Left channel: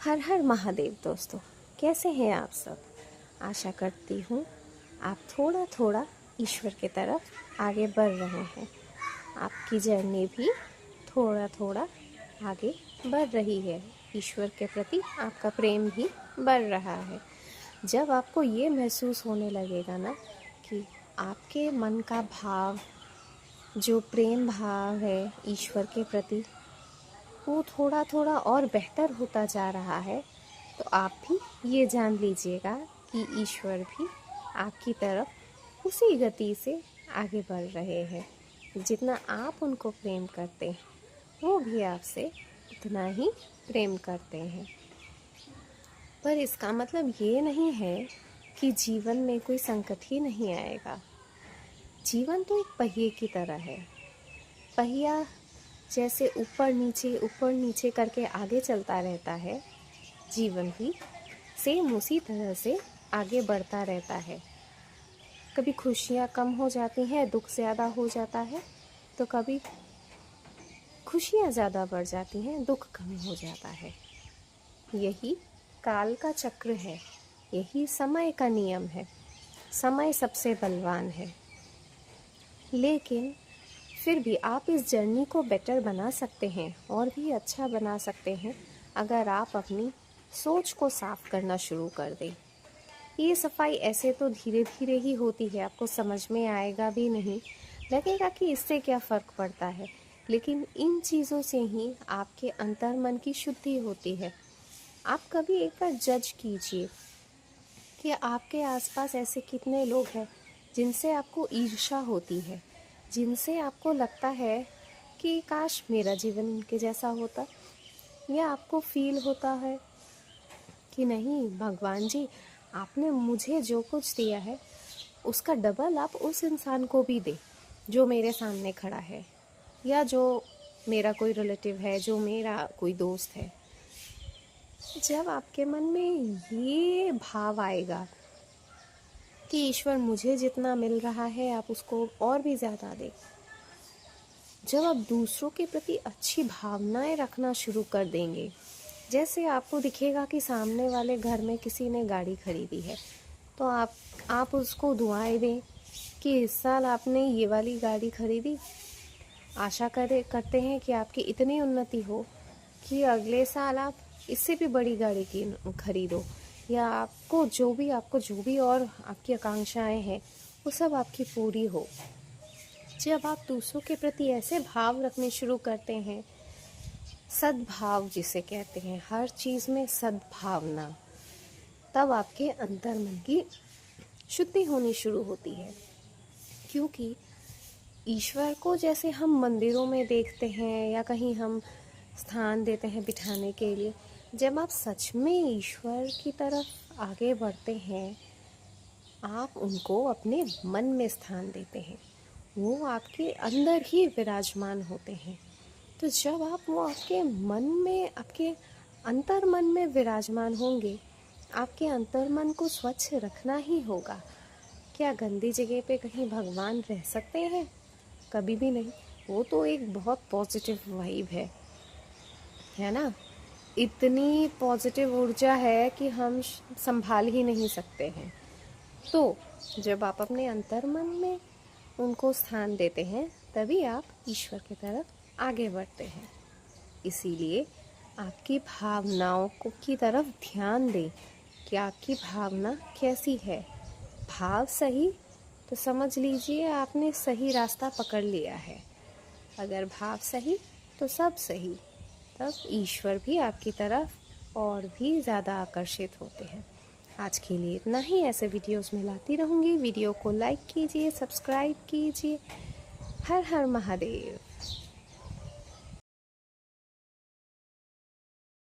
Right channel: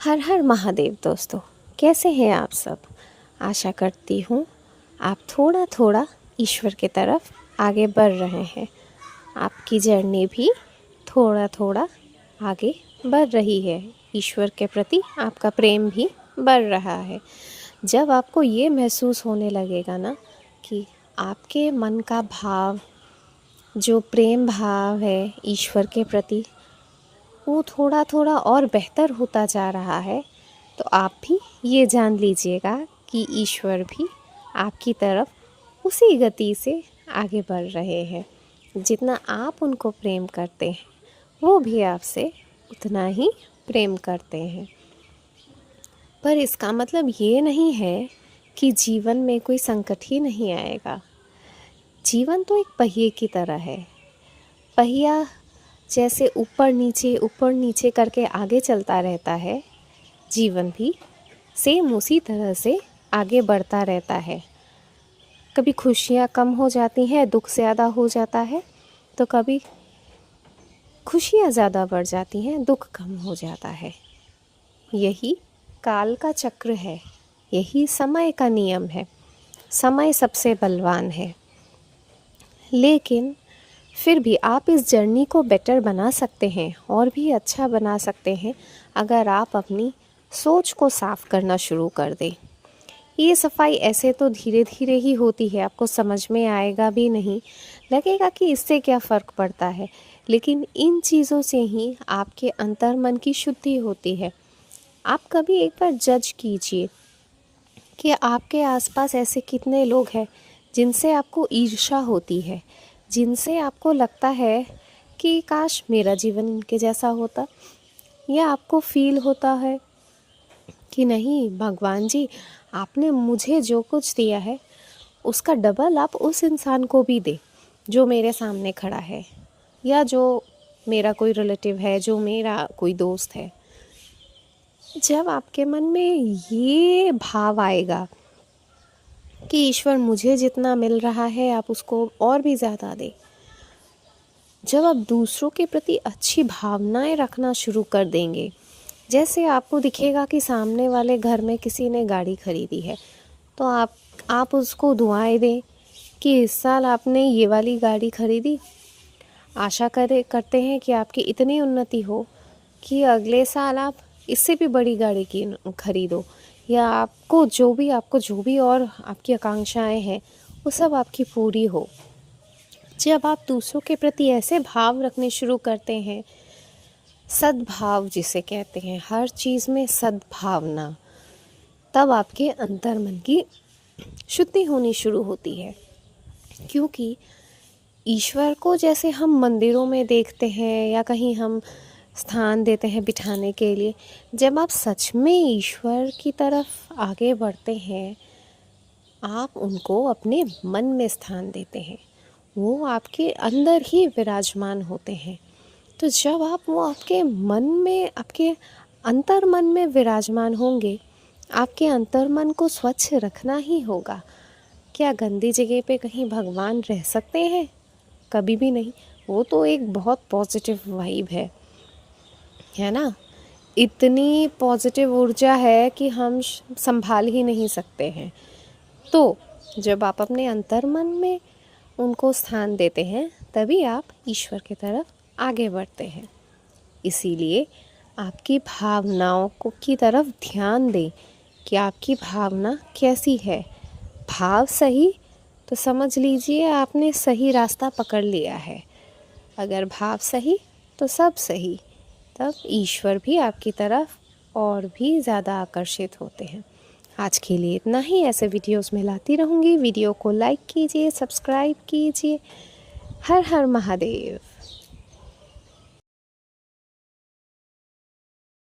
हर हर महादेव दोस्तों, कैसे हैं आप सब। आशा करती हूँ आप थोड़ा थोड़ा ईश्वर की तरफ आगे बढ़ रहे हैं। आपकी जर्नी भी थोड़ा थोड़ा आगे बढ़ रही है। ईश्वर के प्रति आपका प्रेम भी बढ़ रहा है। जब आपको ये महसूस होने लगेगा ना कि आपके मन का भाव, जो प्रेम भाव है ईश्वर के प्रति, वो थोड़ा थोड़ा और बेहतर होता जा रहा है, तो आप भी ये जान लीजिएगा कि ईश्वर भी आपकी तरफ उसी गति से आगे बढ़ रहे हैं। जितना आप उनको प्रेम करते हैं, वो भी आपसे उतना ही प्रेम करते हैं। पर इसका मतलब ये नहीं है कि जीवन में कोई संकट ही नहीं आएगा। जीवन तो एक पहिए की तरह है। पहिया जैसे ऊपर नीचे करके आगे चलता रहता है, जीवन भी सेम उसी तरह से आगे बढ़ता रहता है। कभी खुशियाँ कम हो जाती हैं, दुख ज़्यादा हो जाता है, तो कभी खुशियाँ ज़्यादा बढ़ जाती हैं, दुख कम हो जाता है। यही काल का चक्र है, यही समय का नियम है। समय सबसे बलवान है, लेकिन फिर भी आप इस जर्नी को बेटर बना सकते हैं और भी अच्छा बना सकते हैं अगर आप अपनी सोच को साफ करना शुरू कर दें। ये सफाई ऐसे तो धीरे धीरे ही होती है, आपको समझ में आएगा भी नहीं, लगेगा कि इससे क्या फ़र्क पड़ता है, लेकिन इन चीज़ों से ही आपके अंतर्मन की शुद्धि होती है। आप कभी एक बार जज कीजिए कि आपके आसपास ऐसे कितने लोग हैं जिनसे आपको ईर्ष्या होती है, जिनसे आपको लगता है कि काश मेरा जीवन इनके जैसा होता, या आपको फील होता है कि नहीं भगवान जी, आपने मुझे जो कुछ दिया है उसका डबल आप उस इंसान को भी दे जो मेरे सामने खड़ा है, या जो मेरा कोई रिलेटिव है, जो मेरा कोई दोस्त है। जब आपके मन में ये भाव आएगा कि ईश्वर मुझे जितना मिल रहा है आप उसको और भी ज़्यादा दें, जब आप दूसरों के प्रति अच्छी भावनाएं रखना शुरू कर देंगे, जैसे आपको दिखेगा कि सामने वाले घर में किसी ने गाड़ी खरीदी है, तो आप उसको दुआएं दें कि इस साल आपने ये वाली गाड़ी खरीदी, आशा करते हैं कि आपकी इतनी उन्नति हो कि अगले साल आप इससे भी बड़ी गाड़ी की खरीदो, या आपको जो भी और आपकी आकांक्षाएं हैं वो सब आपकी पूरी हो। जब आप दूसरों के प्रति ऐसे भाव रखने शुरू करते हैं, सद्भाव जिसे कहते हैं, हर चीज़ में सद्भावना, तब आपके अंतर्मन की शुद्धि होनी शुरू होती है। क्योंकि ईश्वर को जैसे हम मंदिरों में देखते हैं या कहीं हम स्थान देते हैं बिठाने के लिए, जब आप सच में ईश्वर की तरफ आगे बढ़ते हैं, आप उनको अपने मन में स्थान देते हैं, वो आपके अंदर ही विराजमान होते हैं। तो जब आप वो आपके मन में, आपके अंतर्मन में विराजमान होंगे, आपके अंतर्मन को स्वच्छ रखना ही होगा। क्या गंदी जगह पे कहीं भगवान रह सकते हैं? कभी भी नहीं। वो तो एक बहुत पॉजिटिव वाइब है ना। इतनी पॉजिटिव ऊर्जा है कि हम संभाल ही नहीं सकते हैं। तो जब आप अपने अंतर्मन में उनको स्थान देते हैं, तभी आप ईश्वर की तरफ आगे बढ़ते हैं। इसीलिए आपकी भावनाओं को की तरफ ध्यान दें कि आपकी भावना कैसी है। भाव सही तो समझ लीजिए आपने सही रास्ता पकड़ लिया है। अगर भाव सही तो सब सही, तब ईश्वर भी आपकी तरफ और भी ज़्यादा आकर्षित होते हैं। आज के लिए इतना ही। ऐसे वीडियोस में लाती रहूँगी। वीडियो को लाइक कीजिए, सब्सक्राइब कीजिए। हर हर महादेव।